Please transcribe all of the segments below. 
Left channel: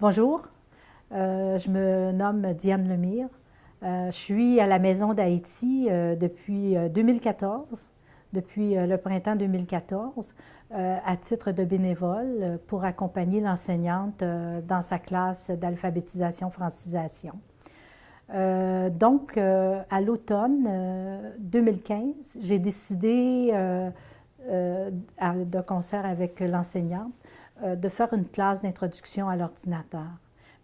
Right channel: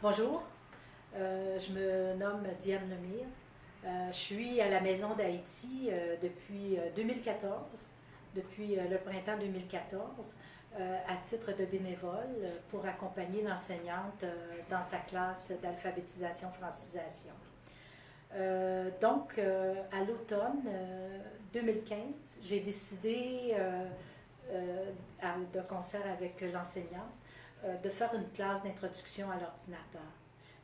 Bonjour, je me nomme Diane Lemire. Je suis à la Maison d'Haïti depuis 2014, depuis le printemps 2014, à titre de bénévole pour accompagner l'enseignante dans sa classe d'alphabétisation-francisation. À l'automne 2015, j'ai décidé, de concert avec l'enseignante, de faire une classe d'introduction à l'ordinateur.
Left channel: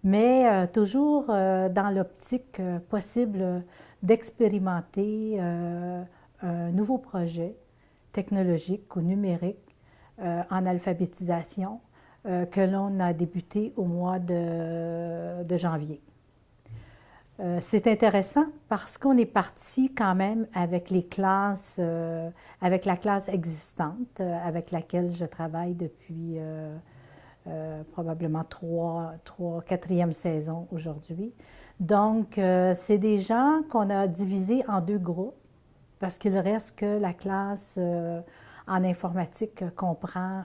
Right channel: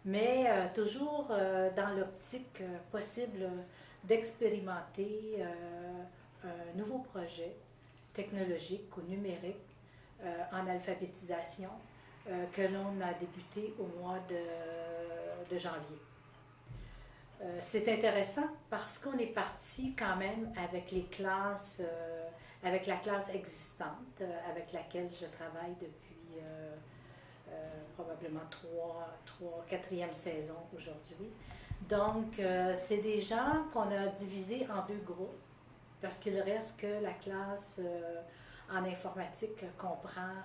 Mais toujours dans l'optique possible d'expérimenter un nouveau projet technologique ou numérique en alphabétisation que l'on a débuté au mois de janvier. C'est intéressant parce qu'on est parti quand même avec les classes, avec la classe existante, avec laquelle je travaille depuis probablement quatrième saison aujourd'hui. Donc, c'est des gens qu'on a divisés en deux groupes parce qu'il reste que la classe en informatique comprend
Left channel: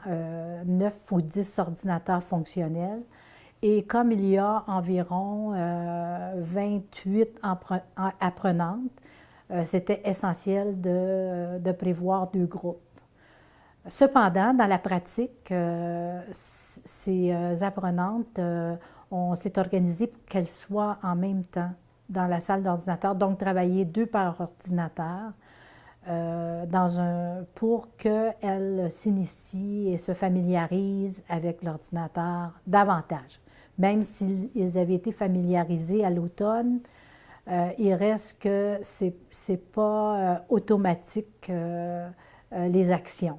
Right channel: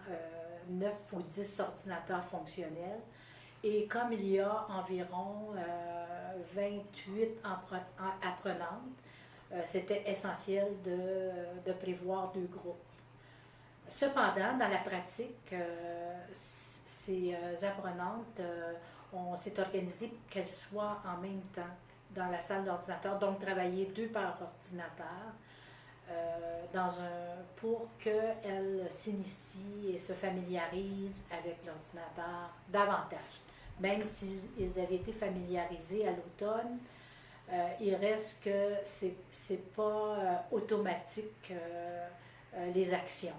9 ou 10 ordinateurs fonctionnels. Et comme il y a environ 28 apprenantes, c'était essentiel de prévoir deux groupes. Cependant, dans la pratique, ces apprenantes, on s'est organisé pour qu'elles soient en même temps dans la salle d'ordinateur, donc travailler deux par ordinateur pour qu'elles s'initient et se familiarisent avec l'ordinateur davantage. Même s'ils avaient été familiarisés à l'automne, il reste que c'est pas automatique les actions.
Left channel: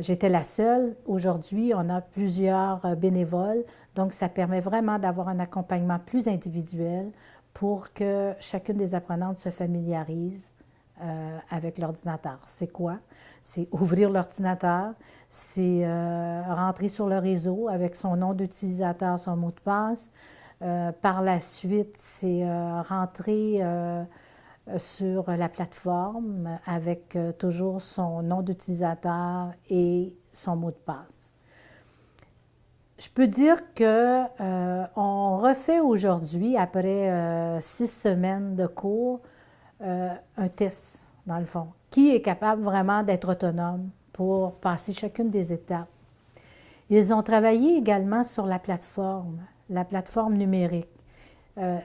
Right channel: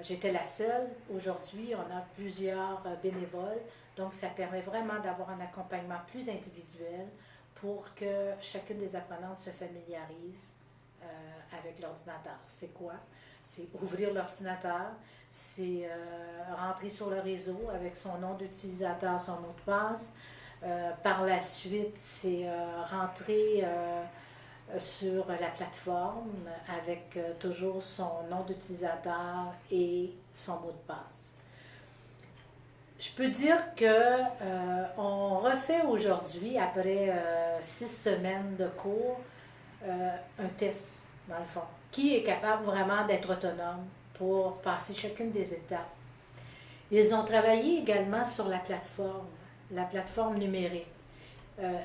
J'étais la seule. Aujourd'hui, on a plusieurs bénévoles, donc ça permet vraiment d'avoir un accompagnement plus individuel pour que chacune des apprenantes se familiarise avec l'ordinateur. C'est quoi? C'est ouvrir l'ordinateur, c'est rentrer sur le réseau avec son nom d'utilisateur, son mot de passe. Par la suite, c'est rentrer sur la plateforme avec toujours son nom d'utilisateur et son mot de passe. Je peux dire que on refait aujourd'hui, après 6 semaines de cours, un test, dans le fond. Qui est capable vraiment d'être autonome pour passer chacune des étapes? Ils ont travaillé également sur la plateforme numérique.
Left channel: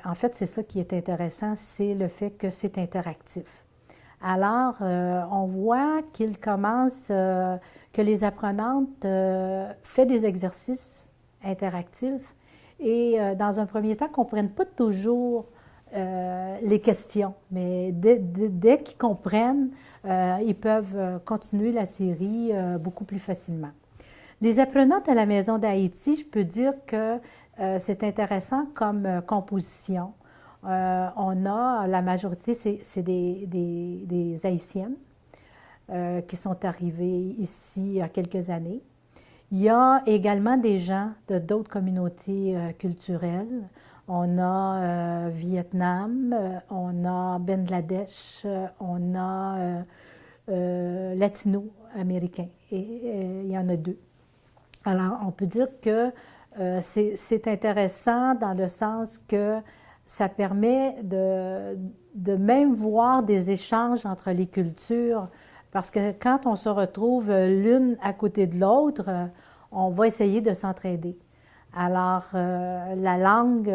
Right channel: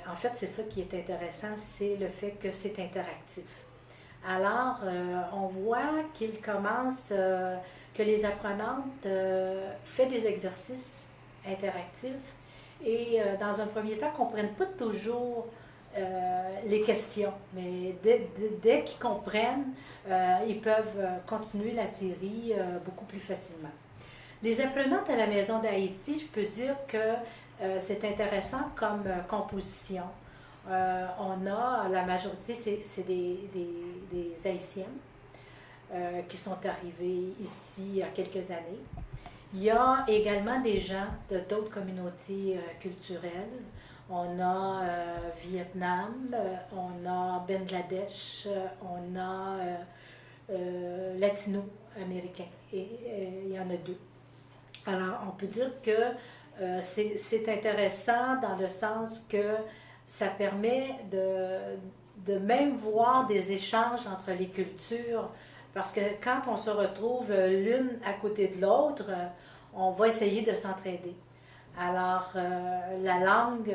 En fait, c'est ça qui est intéressant, c'est le fait que c'est interactif. Alors, on voit qu'ils commencent, que les apprenantes font des exercices interactifs et dans un premier temps, ne comprennent pas toujours les questions, mais dès qu'ils comprennent, ils peuvent continuer la série beaucoup plus facilement. Les apprenantes à la Maison d'Haïti, je peux dire que c'est intéressant comme composition. On a, la majorité, c'est des Haïtiennes qui sont arrivées ici il y a quelques années. Il y a également des gens de d'autres communautés culturelles. On a Vietnam, on a Bangladesh, on a latino-américain. Et il y en a deux. Alors, on peut dire que c'est intéressant dans le sens que ça permet de même voir des échanges entre les cultures, parce que quand on se retrouve l'une à côté de l'autre, on va essayer de s'entraider. Alors, la langue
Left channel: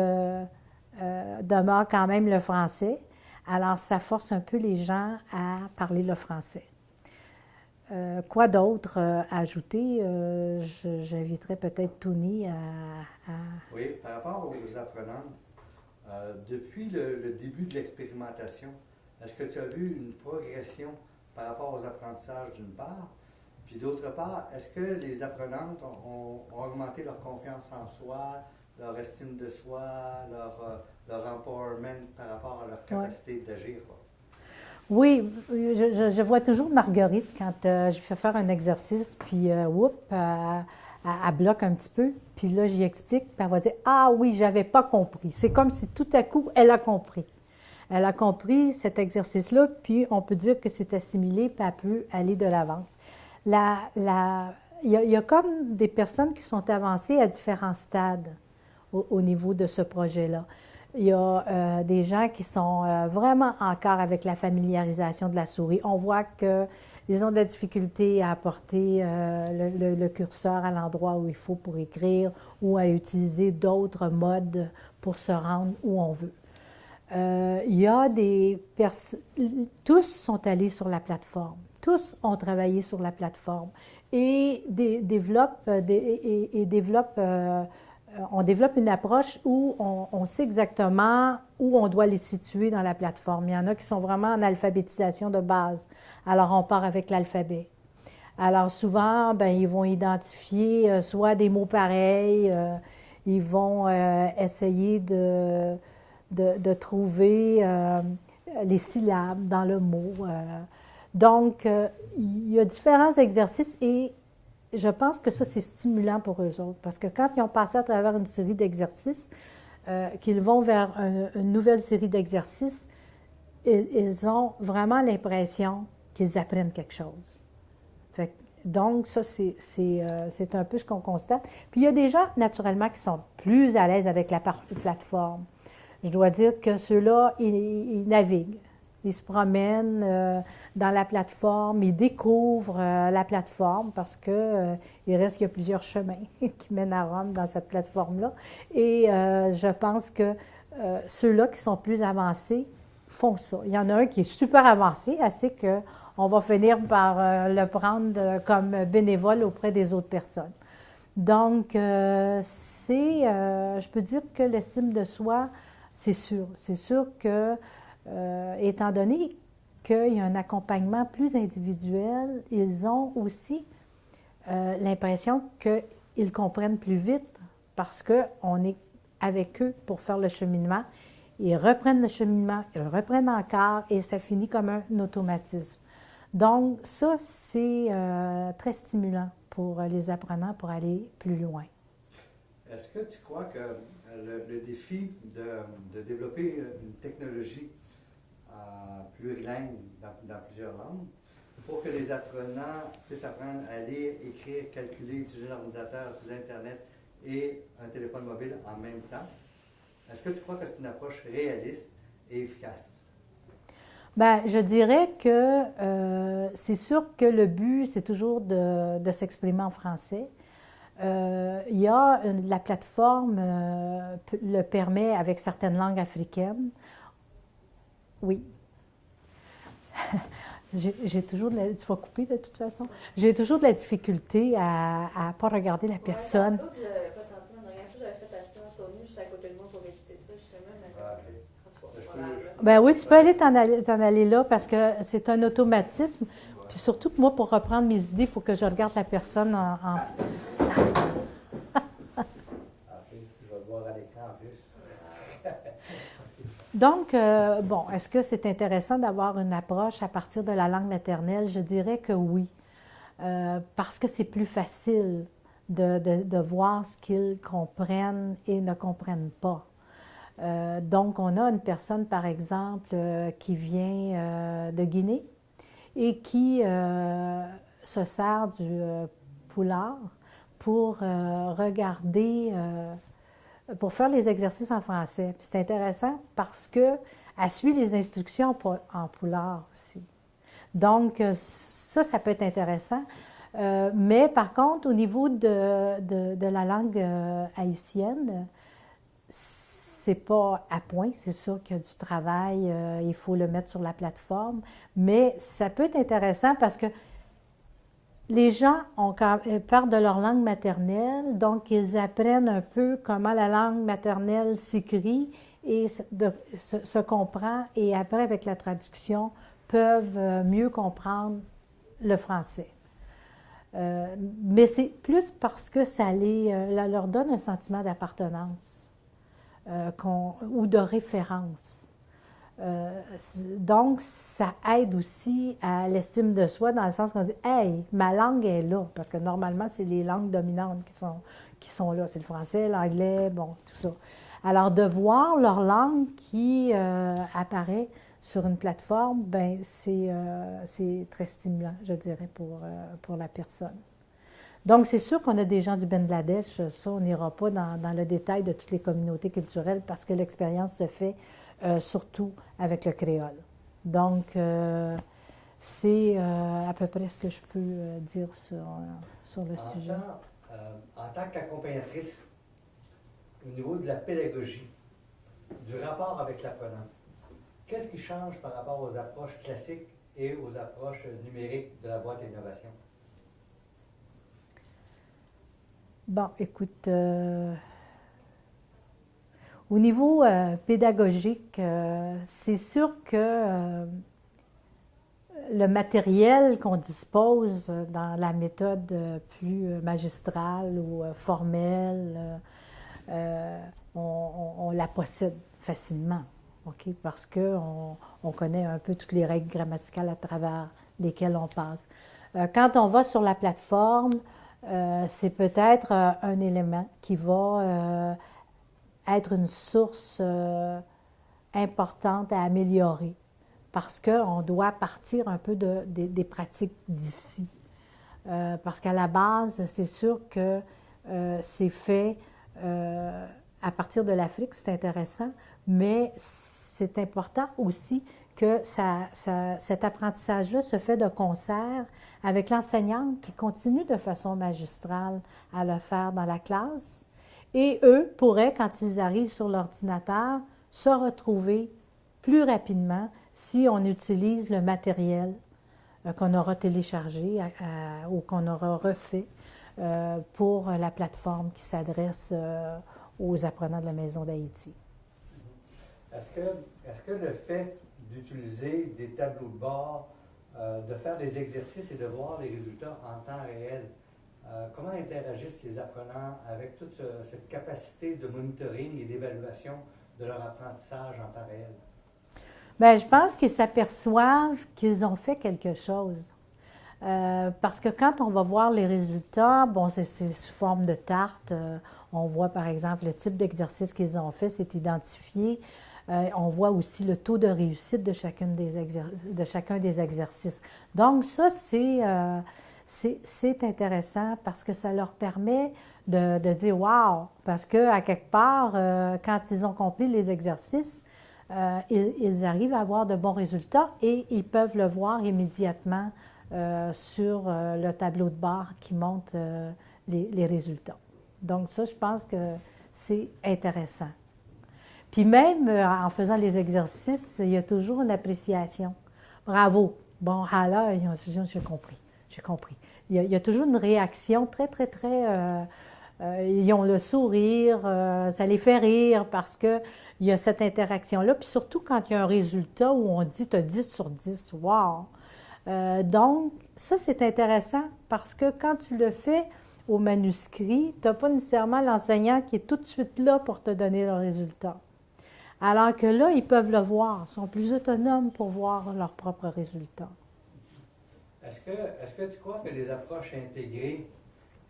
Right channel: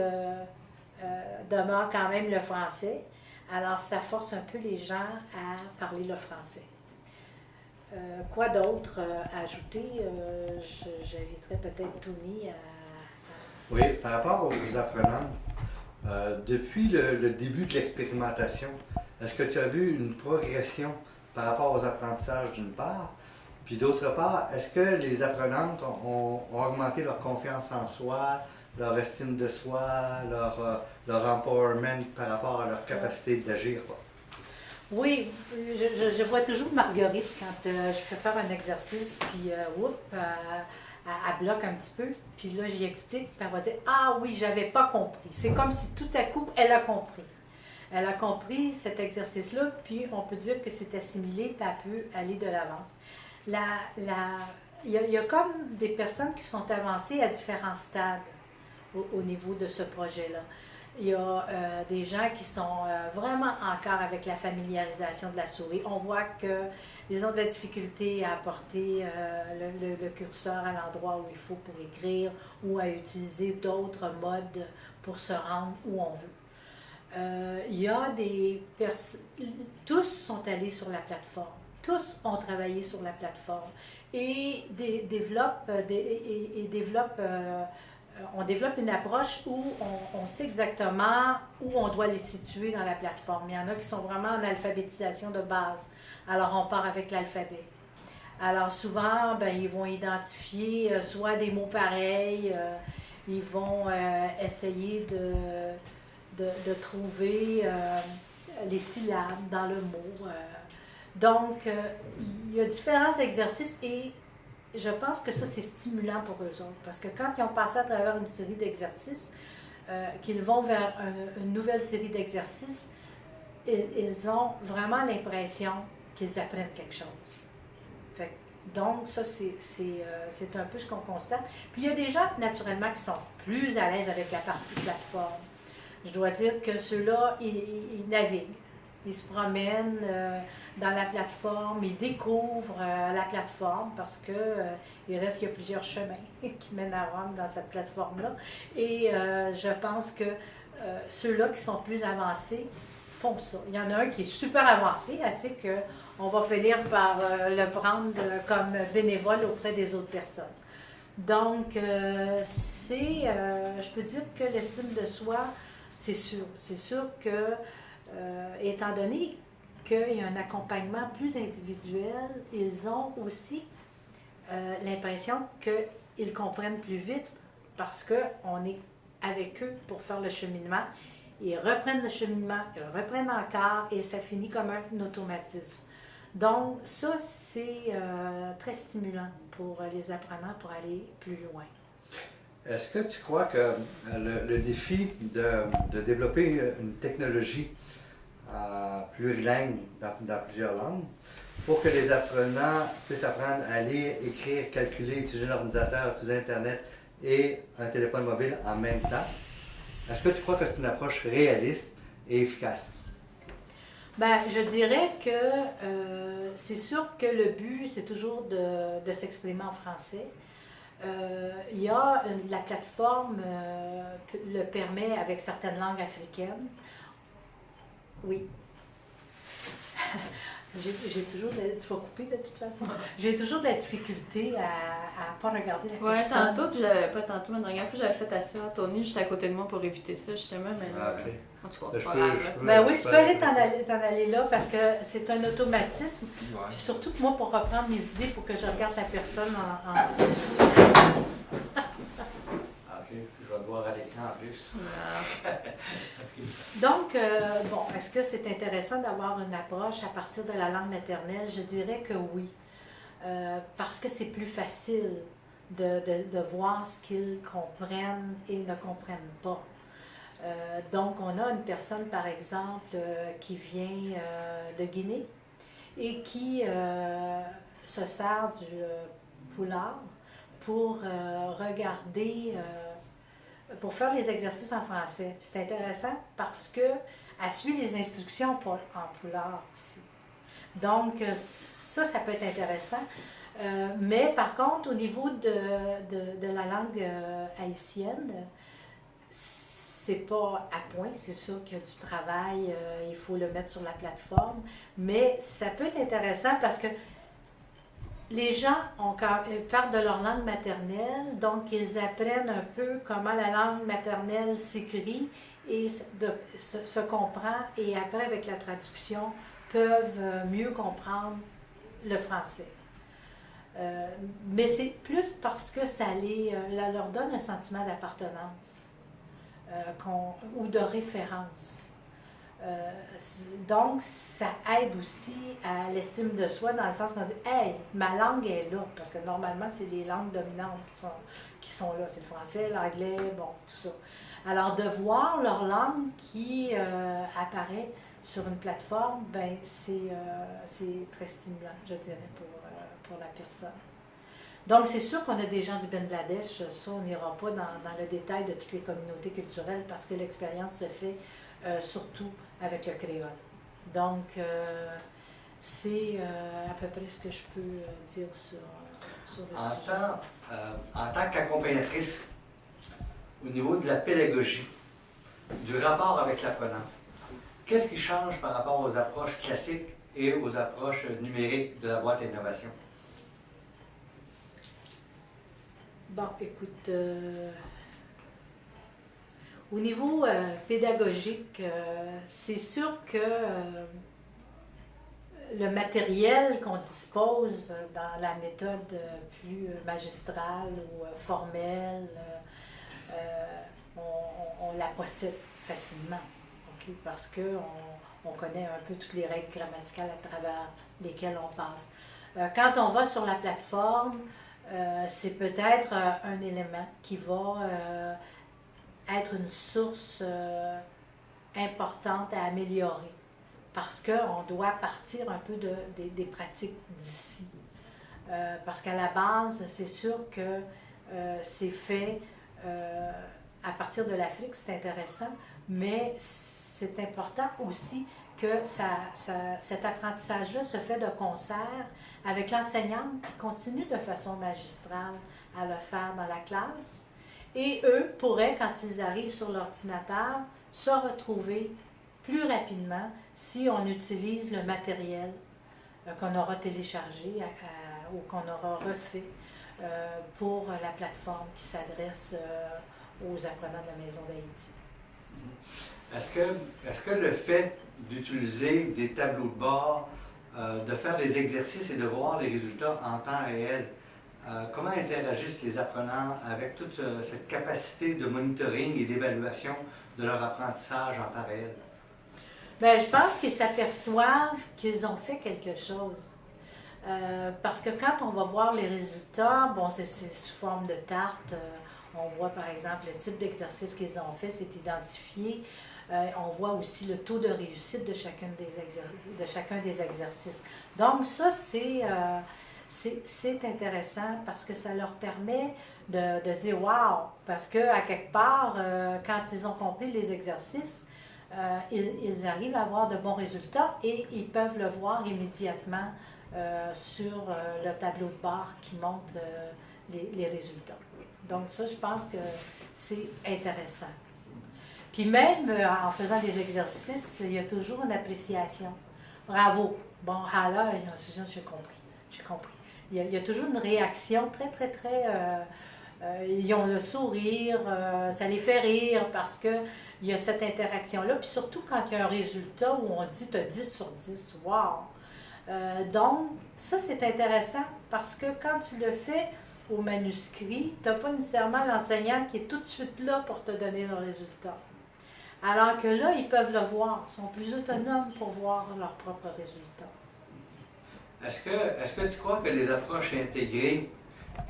demeure quand même le français, alors ça force un peu les gens à parler le français. Quoi d'autre à ajouter? J'inviterais peut-être Tony à... Oui, par rapport aux apprenants, depuis le début de l'expérimentation, est-ce que tu as vu une progression par rapport aux apprentissages d'une part? Puis d'autre part, est-ce que les apprenantes ont augmenté leur confiance en soi, leur estime de soi, leur empowerment par rapport à leur capacité d'agir? Oui, je vois toujours Marguerite quand je fais faire un exercice, puis elle bloque un petit peu, puis là, j'y explique, puis elle va dire: Ah oui, j'avais pas compris. C'est comme si tout à coup, elle a compris. Elle a compris cet exercice-là, puis on peut dire que c'est assimilé, puis elle peut aller de l'avance. Il y a comme des personnes qui sont avancées à différents stades. au niveau de ce projet-là. Il y a des gens qui sont vraiment encore avec la familiarisation de la souris. On voit qu'ils ont de la difficulté à apporter le curseur à l'endroit où il faut pour écrire ou à utiliser d'autres modes pour se rendre où on veut. Il y a tous sont allés sur la plateforme. Tous ont travaillé sur la plateforme et on développe une approche où on sait exactement où on doit les situer dans la plateforme. Il y en a qui sont vraiment en alphabétisation de base. Alors, on part avec l'alphabet. Alors, souvent, ils vont identifier soit des mots pareils, ils vont essayer de trouver les syllabes dans le mot. Donc, il y a différents exercices et je pense que ça, c'est stimulant pour eux autres. Parce que quand ils ont passé à travers une série d'exercices, qu'ils vont vers une nouvelle série d'exercices, ils ont vraiment l'impression qu'ils apprennent quelque chose. Donc, ça, c'est un peu ce qu'on constate. Puis, il y a des gens, naturellement, qui sont plus à l'aise avec la partie plateforme. Je dois dire que ceux-là, ils naviguent. Ils se promènent dans la plateforme, ils découvrent la plateforme parce que il reste qu'il y a plusieurs chemins qui mènent à Rome dans cette plateforme-là. Et je pense que ceux-là qui sont plus avancés font ça. Il y en a un qui est super avancé, assez qu'on va finir par le prendre comme bénévole auprès des autres personnes. Donc, je peux dire que l'estime de soi, c'est sûr. C'est sûr que étant donné qu'il y a un accompagnement plus individuel, ils ont aussi l'impression qu'ils comprennent plus vite parce qu'on est avec eux pour faire le cheminement. Ils reprennent le cheminement, ils reprennent encore et ça finit comme un automatisme. Donc ça, c'est très stimulant pour les apprenants pour aller plus loin. Est-ce que tu crois que le défi de développer une technologie plurilingue dans plusieurs langues, pour que les apprenants puissent apprendre à lire, écrire, calculer, utiliser un ordinateur, utiliser Internet et un téléphone mobile en même temps, est-ce que tu crois que c'est une approche réaliste et efficace? Je dirais que c'est sûr que le but, c'est toujours de s'exprimer en français. Il y a la plateforme le permet avec certaines langues africaines. Oui. J'ai toujours tu vas couper de toute façon. J'ai toujours de la difficulté à ne pas regarder la personne. Pas tantôt, mais la dernière fois, j'avais fait à ça, Tony, juste à côté de moi pour éviter ça, justement. Mais là, en tout cas, c'est pas grave. Oui, tu peux aller t'en aller là parce que c'est un automatisme. Ouais. Puis surtout que moi, pour reprendre mes idées, il faut que je regarde la personne en... OK, je vais le voir à l'écran en plus. Donc, est-ce que c'est intéressant d'avoir une approche à partir de la langue maternelle? Je dirais que oui, parce que c'est plus facile de voir ce qu'ils comprennent et ne comprennent pas. Donc, on a une personne, par exemple, qui vient de Guinée et qui se sert du poulard pour regarder... pour faire les exercices en français. Puis c'est intéressant parce qu'elle suit les instructions en poulard aussi. Donc, ça peut être intéressant. Mais par contre, au niveau de la langue haïtienne, c'est pas à point. C'est sûr qu'il y a du travail, il faut le mettre sur la plateforme. Mais ça peut être intéressant parce que les gens parlent de leur langue maternelle, donc ils apprennent un peu comment la langue maternelle s'écrit et se comprend, et après, avec la traduction, peuvent mieux comprendre le français. Mais c'est plus parce que ça leur donne un sentiment d'appartenance ou de référence. Donc, ça aide aussi à l'estime de soi dans le sens qu'on dit « Hey, ma langue est là », parce que normalement, c'est les langues dominantes qui sont là. C'est le français, l'anglais, tout ça. Alors, de voir leur langue qui apparaît sur une plateforme, c'est très stimulant, je dirais, pour la personne. Donc, c'est sûr qu'on a des gens du Bangladesh, ça, on n'ira pas dans le détail de toutes les communautés culturelles parce que l'expérience se fait surtout avec le créole. Donc, c'est à peu près ce que je peux dire sur le sujet. En tant qu'accompagnatrice, au niveau de la pédagogie, du rapport avec l'apprenant, qu'est-ce qui change par rapport aux approches classiques et aux approches numériques de la boîte à innovation? Bon, écoute, au niveau pédagogique, c'est sûr que le matériel qu'on dispose dans la méthode plus magistrale ou formelle, on la possède facilement, ok? Parce qu'on connaît un peu toutes les règles grammaticales à travers lesquelles on passe. Quand on va sur la plateforme, c'est peut-être un élément qui va être une source importante à améliorer parce qu'on doit partir un peu des pratiques d'ici. Parce qu'à la base, c'est sûr que c'est fait à partir de l'Afrique, c'est intéressant, mais c'est important aussi que cet apprentissage-là se fait de concert avec l'enseignante qui continue de façon magistrale à le faire dans la classe. Et eux pourraient, quand ils arrivent sur l'ordinateur, se retrouver plus rapidement si on utilise le matériel qu'on aura téléchargé ou qu'on aura refait pour la plateforme qui s'adresse aux apprenants de la Maison d'Haïti. Est-ce que le fait d'utiliser des tableaux de bord, de faire des exercices et de voir les résultats en temps réel, comment interagissent les apprenants avec toute cette capacité de monitoring et d'évaluation de leur apprentissage en temps réel? Bien, je pense qu'ils s'aperçoivent qu'ils ont fait quelque chose. Parce que quand on va voir les résultats, bon, c'est sous forme de tarte. On voit par exemple le type d'exercice qu'ils ont fait, c'est identifié. On voit aussi le taux de réussite de chacun des exercices. Donc ça, c'est intéressant parce que ça leur permet de dire « wow », parce qu'à quelque part, quand ils ont compris les exercices, ils arrivent à avoir de bons résultats et ils peuvent le voir immédiatement sur le tableau de bord qui montre les résultats. Donc ça, je pense que c'est intéressant. Puis même en faisant les exercices, il y a toujours une appréciation. Bravo. Bon, là, j'ai compris. J'ai compris. Il y a toujours une réaction très, très, très... ils ont le sourire, ça les fait rire parce qu'il y a cette interaction-là. Puis surtout quand il y a un résultat où on dit « tu as 10 sur 10 ». Wow! Donc, ça, c'est intéressant parce que quand tu le fais au manuscrit, tu n'as pas nécessairement l'enseignant qui est tout de suite là pour te donner le résultat. Alors que là, ils peuvent le voir, ils sont plus autonomes pour voir leurs propres résultats. Est-ce que tu crois que les approches intégrées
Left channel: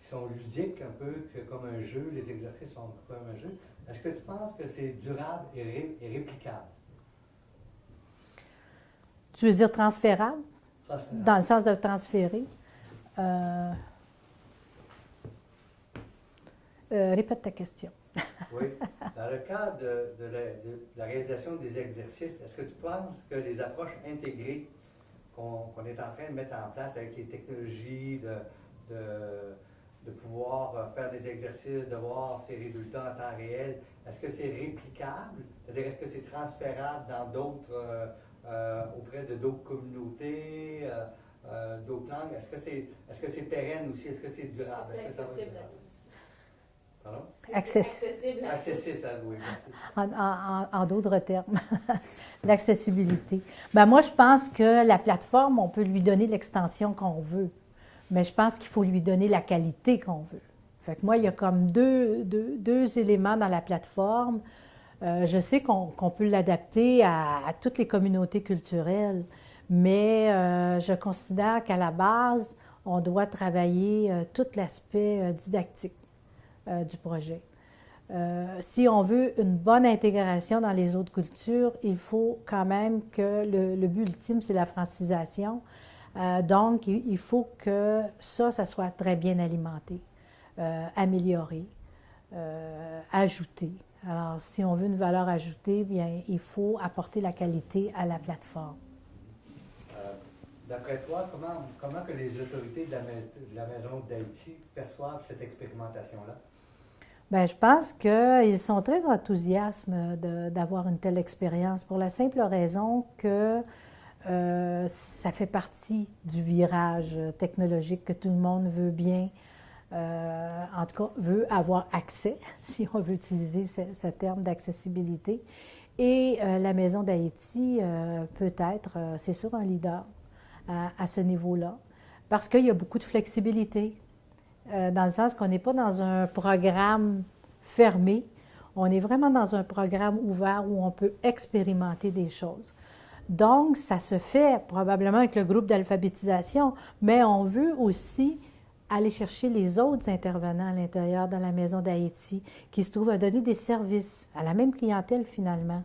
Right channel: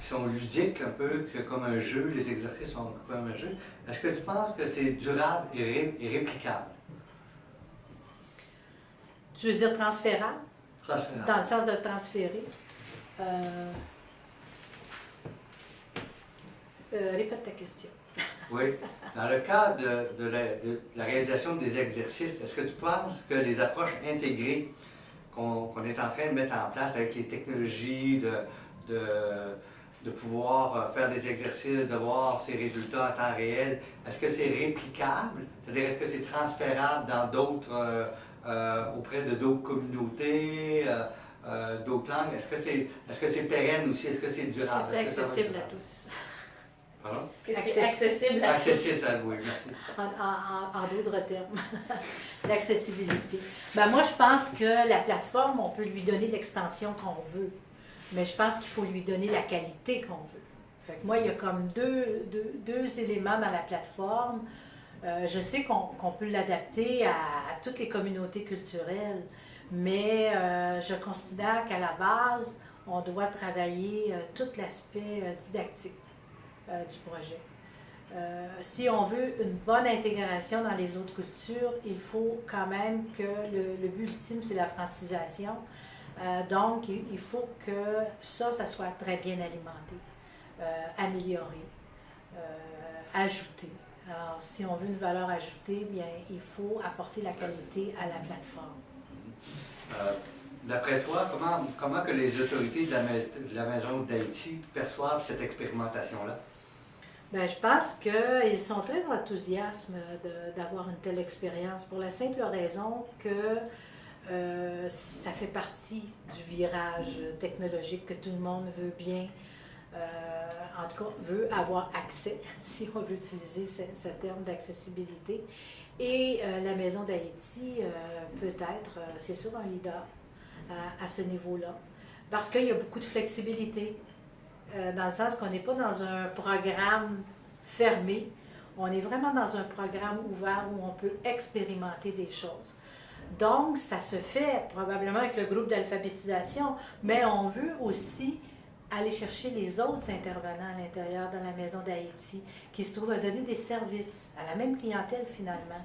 qui sont ludiques un peu, comme un jeu, les exercices sont comme un jeu, est-ce que tu penses que c'est durable et réplicable? Tu veux dire transférable? Transférable. Dans le sens de transférer. Répète ta question. Oui. Dans le cadre de la réalisation des exercices, est-ce que tu penses que les approches intégrées qu'on est en train de mettre en place avec les technologies, de pouvoir faire des exercices, de voir ces résultats en temps réel, est-ce que c'est réplicable? C'est-à-dire, est-ce que c'est transférable dans d'autres, auprès de d'autres communautés, d'autres langues? Est-ce que c'est pérenne aussi? Est-ce que c'est durable? Est-ce que c'est accessible à tous? Pardon? Est-ce que c'est accessible à tous? Accessible, oui, merci. En d'autres termes, l'accessibilité. Ben moi, je pense que la plateforme, on peut lui donner l'extension qu'on veut, mais je pense qu'il faut lui donner la qualité qu'on veut. Fait que moi, il y a comme deux éléments dans la plateforme. Je sais qu'on peut l'adapter à toutes les communautés culturelles, mais je considère qu'à la base, on doit travailler tout l'aspect didactique du projet. Si on veut une bonne intégration dans les autres cultures, il faut quand même que le but ultime, c'est la francisation. Donc, il faut que ça soit très bien alimenté, amélioré, ajouté. Alors, si on veut une valeur ajoutée, bien, il faut apporter la qualité à la plateforme. D'après toi, comment que les autorités de la Maison d'Haïti perçoivent cette expérimentation-là? Bien, je pense qu'ils sont très enthousiastes d'avoir une telle expérience pour la simple raison que ça fait partie du virage technologique que tout le monde veut bien, en tout cas, veut avoir accès, si on veut utiliser ce terme d'accessibilité. Et la Maison d'Haïti peut être, c'est sûr, un leader à ce niveau-là, parce qu'il y a beaucoup de flexibilité, dans le sens qu'on n'est pas dans un programme fermé, on est vraiment dans un programme ouvert où on peut expérimenter des choses. Donc, ça se fait probablement avec le groupe d'alphabétisation, mais on veut aussi aller chercher les autres intervenants à l'intérieur dans la Maison d'Haïti qui se trouvent à donner des services à la même clientèle finalement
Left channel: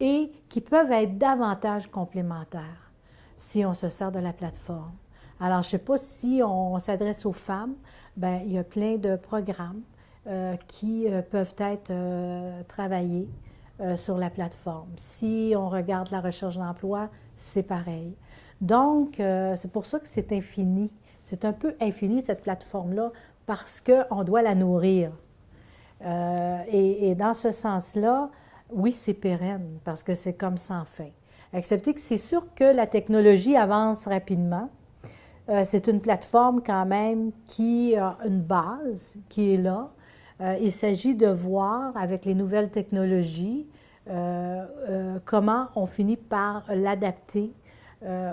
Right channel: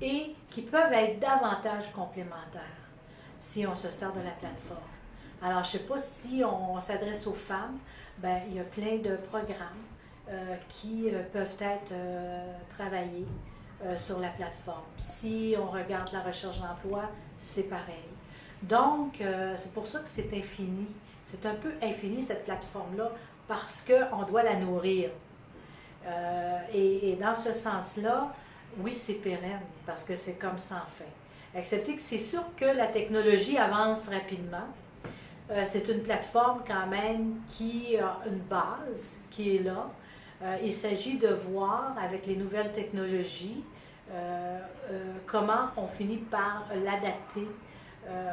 et qui peuvent être davantage complémentaires si on se sert de la plateforme. Alors, je ne sais pas si on s'adresse aux femmes, bien, il y a plein de programmes qui peuvent être travaillés sur la plateforme. Si on regarde la recherche d'emploi, c'est pareil. Donc, c'est pour ça que c'est infini. C'est un peu infini, cette plateforme-là, parce qu'on doit la nourrir. Et dans ce sens-là, oui, c'est pérenne, parce que c'est comme sans fin. Excepté que c'est sûr que la technologie avance rapidement. C'est une plateforme quand même qui a une base, qui est là. Il s'agit de voir avec les nouvelles technologies comment on finit par l'adapter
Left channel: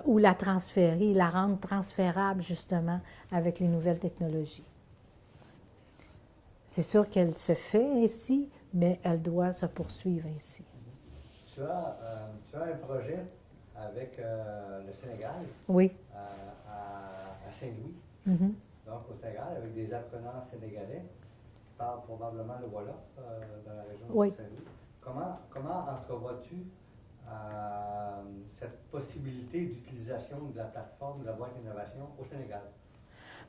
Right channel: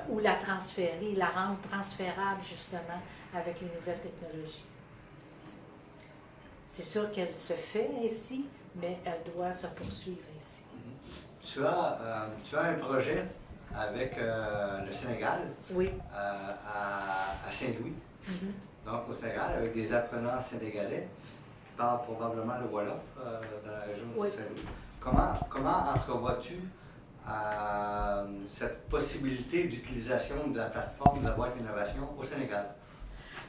ou la transférer, la rendre transférable justement avec les nouvelles technologies. C'est sûr qu'elle se fait ainsi, mais elle doit se poursuivre ainsi. Tu as un projet avec le Sénégal, oui. À Saint-Louis, Mm-hmm. donc au Sénégal, avec des apprenants sénégalais qui parlent probablement le Wolof dans la région oui. de Saint-Louis. Comment entrevois-tu cette possibilité d'utilisation de la plateforme de la boîte d'innovation au Sénégal?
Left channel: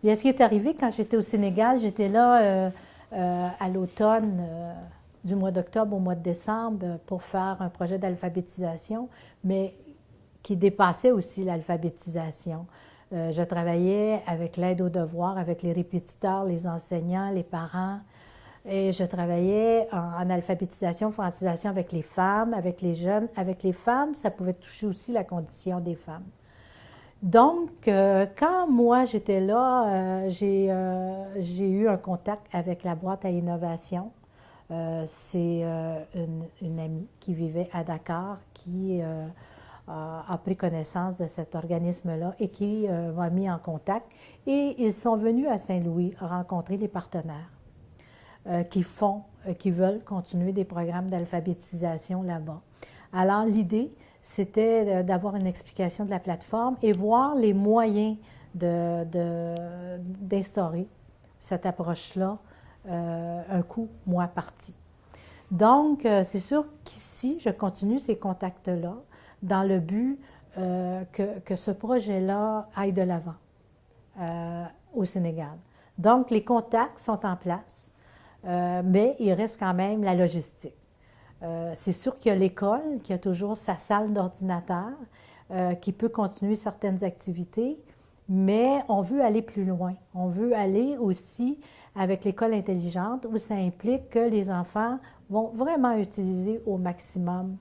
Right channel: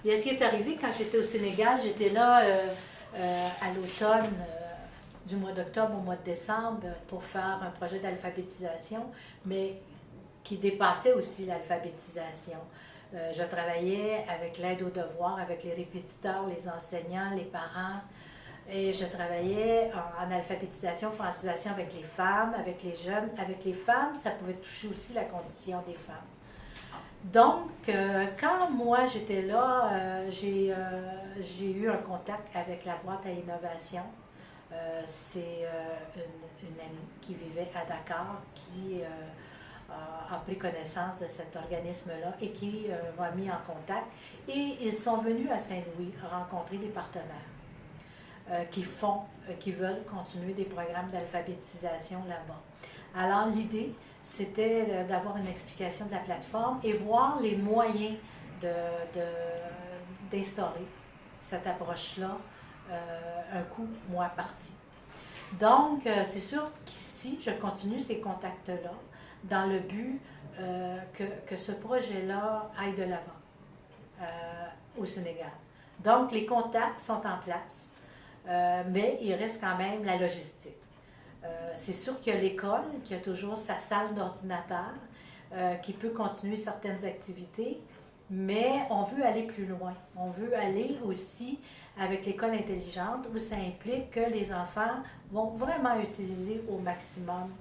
Bien, ce qui est arrivé quand j'étais au Sénégal, j'étais là à l'automne, du mois d'octobre au mois de décembre, pour faire un projet d'alphabétisation, mais qui dépassait aussi l'alphabétisation. Je travaillais avec l'aide aux devoirs, avec les répétiteurs, les enseignants, les parents, et je travaillais en alphabétisation, francisation avec les femmes, avec les jeunes. Avec les femmes, ça pouvait toucher aussi la condition des femmes. Donc, quand moi j'étais là, j'ai eu un contact avec la boîte à innovation. C'est une amie qui vivait à Dakar qui a pris connaissance de cet organisme-là et qui m'a mis en contact. Et ils sont venus à Saint-Louis rencontrer des partenaires qui veulent continuer des programmes d'alphabétisation là-bas. Alors, l'idée, c'était d'avoir une explication de la plateforme et voir les moyens d'instaurer cette approche-là un coup, mois parti. Donc, c'est sûr qu'ici, je continue ces contacts-là dans le but que ce projet-là aille de l'avant au Sénégal. Donc, les contacts sont en place, mais il reste quand même la logistique. C'est sûr qu'il y a l'école, qui a toujours sa salle d'ordinateur, qui peut continuer certaines activités, mais on veut aller plus loin. On veut aller aussi avec l'école intelligente, où ça implique que les enfants vont vraiment utiliser au maximum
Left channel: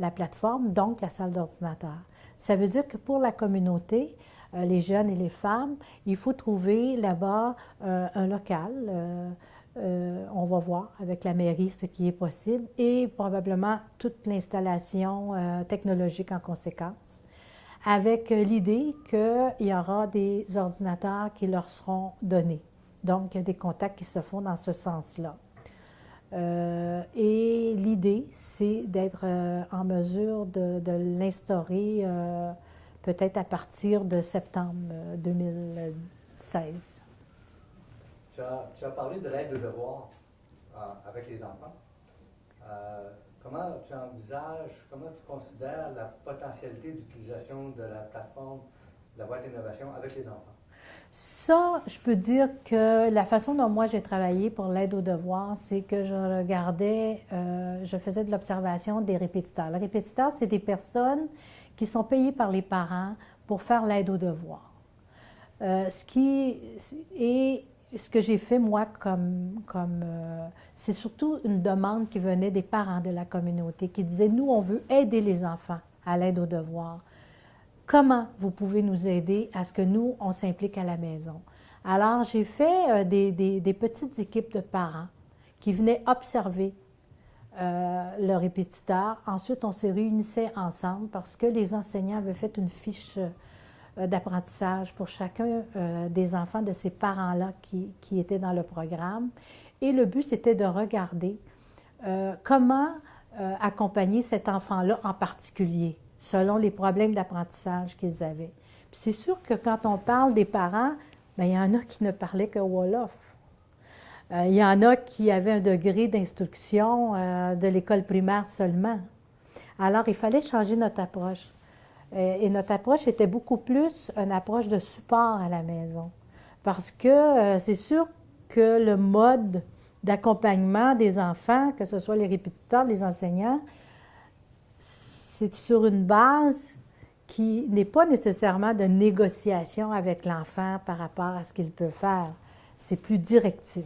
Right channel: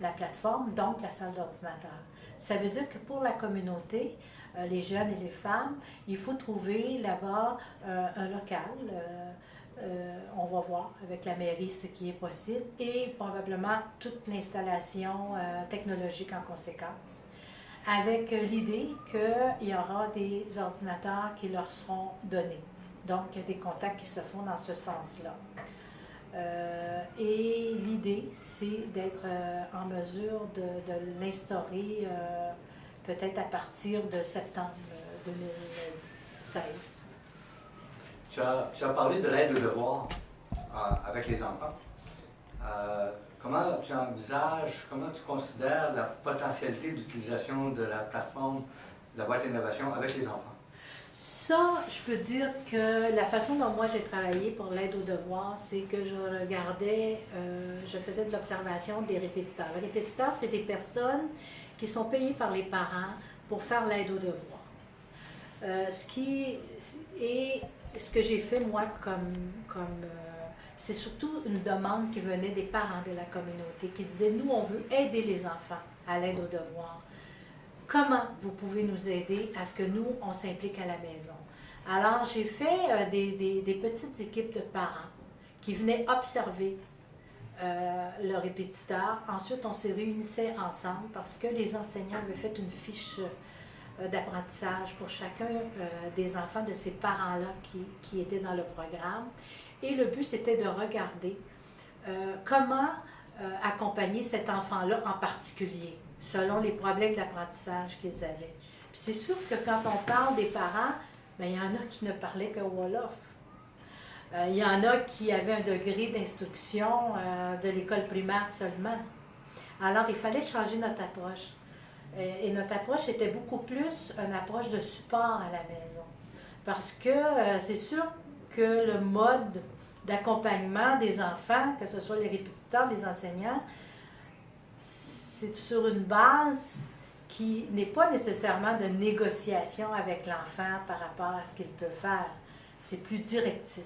la plateforme, donc la salle d'ordinateur. Ça veut dire que pour la communauté, les jeunes et les femmes, il faut trouver là-bas un local. On va voir avec la mairie ce qui est possible et probablement toute l'installation technologique en conséquence, avec l'idée qu'il y aura des ordinateurs qui leur seront donnés. Donc, il y a des contacts qui se font dans ce sens-là. Et l'idée, c'est d'être en mesure de l'instaurer peut-être à partir de septembre 2016. Tu as parlé de l'aide aux devoirs avec les enfants. Comment tu envisages, comment tu considères la potentialité d'utilisation de la plateforme la boîte d'innovation avec les enfants? Ça, je peux dire que la façon dont moi j'ai travaillé pour l'aide aux devoirs, c'est que je regardais, je faisais de l'observation des répétiteurs. Les répétiteurs, c'est des personnes qui sont payées par les parents pour faire l'aide aux devoirs. Ce que j'ai fait moi c'est surtout une demande qui venait des parents de la communauté qui disaient, nous, on veut aider les enfants à l'aide aux devoirs. Comment vous pouvez nous aider à ce que nous, on s'implique à la maison? Alors, j'ai fait des petites équipes de parents qui venaient observer le répétiteur. Ensuite, on se réunissait ensemble parce que les enseignants avaient fait une fiche d'apprentissage pour chacun des enfants de ces parents-là qui étaient dans le programme. Et le but, c'était de regarder comment accompagner cet enfant-là en particulier, selon les problèmes d'apprentissage qu'ils avaient. Puis c'est sûr que quand on parle des parents, bien, il y en a qui ne parlaient que Wolof. Il y en a qui avaient un degré d'instruction de l'école primaire seulement. Alors, il fallait changer notre approche. Et notre approche était beaucoup plus une approche de support à la maison. Parce que c'est sûr que le mode d'accompagnement des enfants, que ce soit les répétiteurs, les enseignants, c'est sur une base qui n'est pas nécessairement de négociation avec l'enfant par rapport à ce qu'il peut faire. C'est plus directif,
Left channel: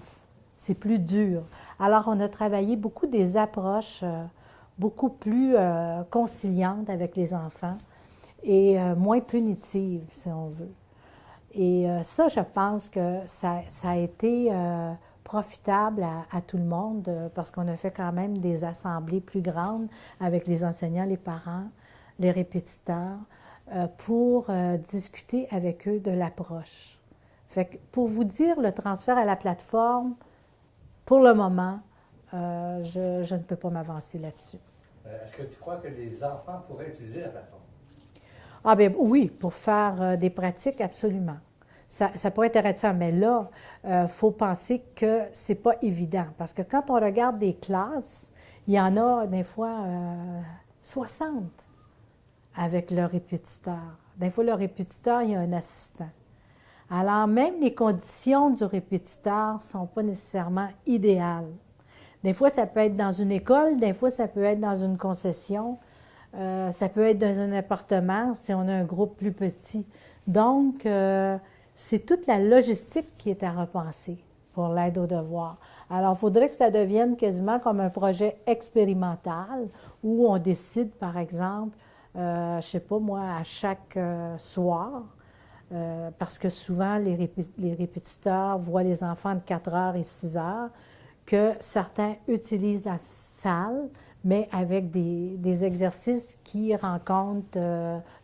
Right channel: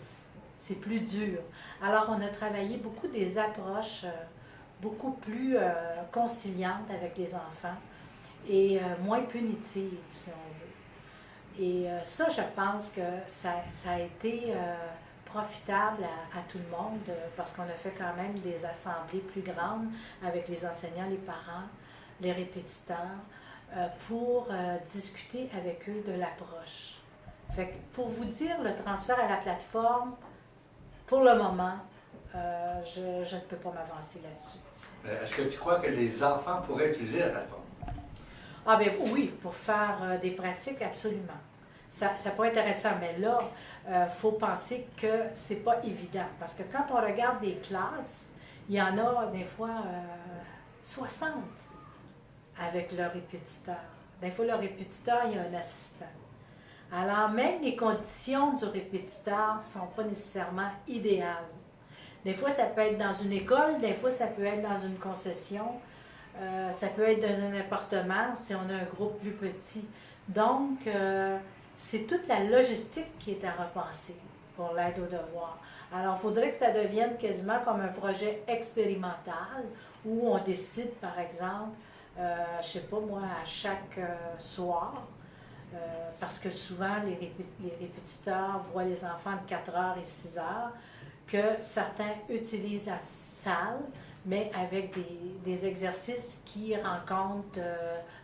c'est plus dur. Alors, on a travaillé beaucoup des approches beaucoup plus conciliantes avec les enfants et moins punitives, si on veut. Et ça, je pense que ça a été profitable à tout le monde parce qu'on a fait quand même des assemblées plus grandes avec les enseignants, les parents, les répétiteurs, pour discuter avec eux de l'approche. Fait que pour vous dire, le transfert à la plateforme, pour le moment, je ne peux pas m'avancer là-dessus. Est-ce que tu crois que les enfants pourraient utiliser la plateforme? Ah bien oui, pour faire des pratiques, absolument. Ça pourrait être intéressant, mais là, il faut penser que c'est pas évident. Parce que quand on regarde des classes, il y en a des fois 60 avec le répétiteur. Des fois, le répétiteur, il y a un assistant. Alors, même les conditions du répétiteur ne sont pas nécessairement idéales. Des fois, ça peut être dans une école, des fois, ça peut être dans une concession, ça peut être dans un appartement si on a un groupe plus petit. Donc, c'est toute la logistique qui est à repenser pour l'aide aux devoirs. Alors, il faudrait que ça devienne quasiment comme un projet expérimental où on décide, par exemple, je ne sais pas moi, à chaque soir, parce que souvent les répétiteurs voient les enfants de 4 heures et 6 heures, que certains utilisent la salle, mais avec des exercices qui rencontrent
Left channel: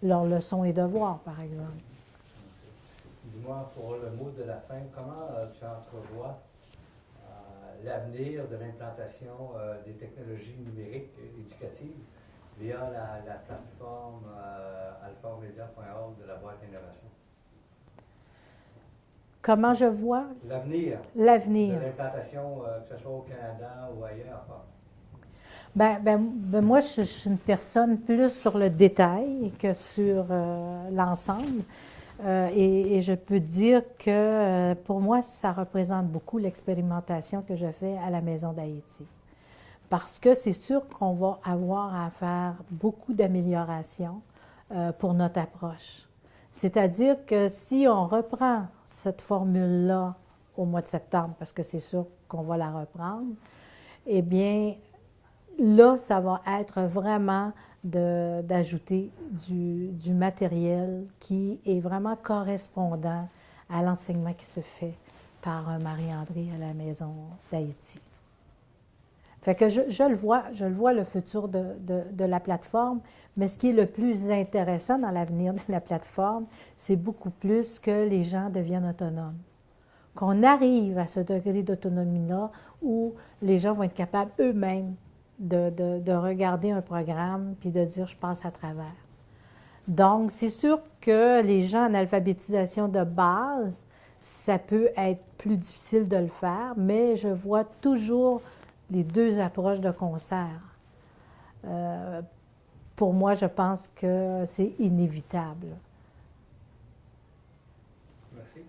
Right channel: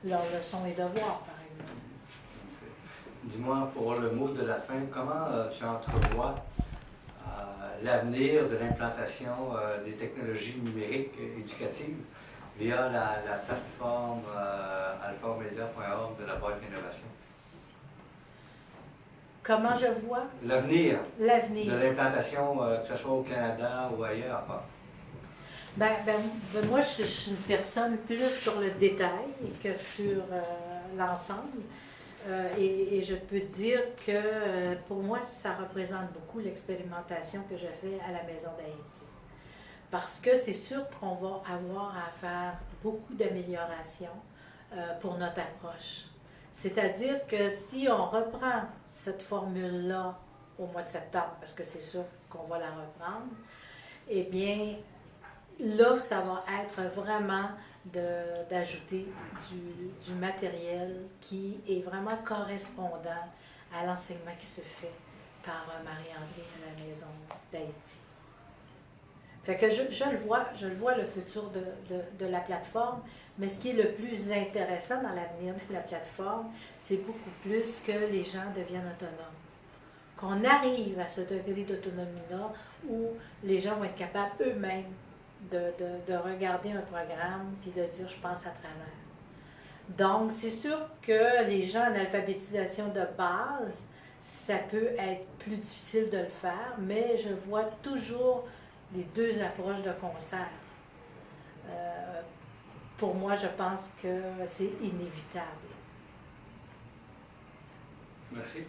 leurs leçons et devoirs, par exemple. Dis-moi, pour le mot de la fin, comment tu entrevois l'avenir de l'implantation des technologies numériques éducatives via la plateforme alphamedia.org de la boîte d'innovation? Comment je vois l'avenir de l'implantation, que ce soit au Canada ou ailleurs? Ben, moi, je suis une personne plus sur le détail que sur l'ensemble. Et je peux dire que pour moi, ça représente beaucoup l'expérimentation que je fais à la Maison d'Haïti. Parce que c'est sûr qu'on va avoir à faire beaucoup d'améliorations pour notre approche. C'est-à-dire que si on reprend cette formule-là au mois de septembre, parce que c'est sûr qu'on va la reprendre, eh bien, là, ça va être vraiment d'ajouter du matériel qui est vraiment correspondant à l'enseignement qui se fait par Marie-André à la Maison d'Haïti. Fait que je le vois le futur de la plateforme, mais ce qui est le plus intéressant dans l'avenir de la plateforme, c'est beaucoup plus que les gens deviennent autonomes. Qu'on arrive à ce degré d'autonomie-là où les gens vont être capables eux-mêmes de regarder un programme puis de dire « je passe à travers ». Donc, c'est sûr que les gens en alphabétisation de base, ça peut être plus difficile de le faire, mais je vois toujours les deux approches de concert. Pour moi, je pense que c'est inévitable. Merci.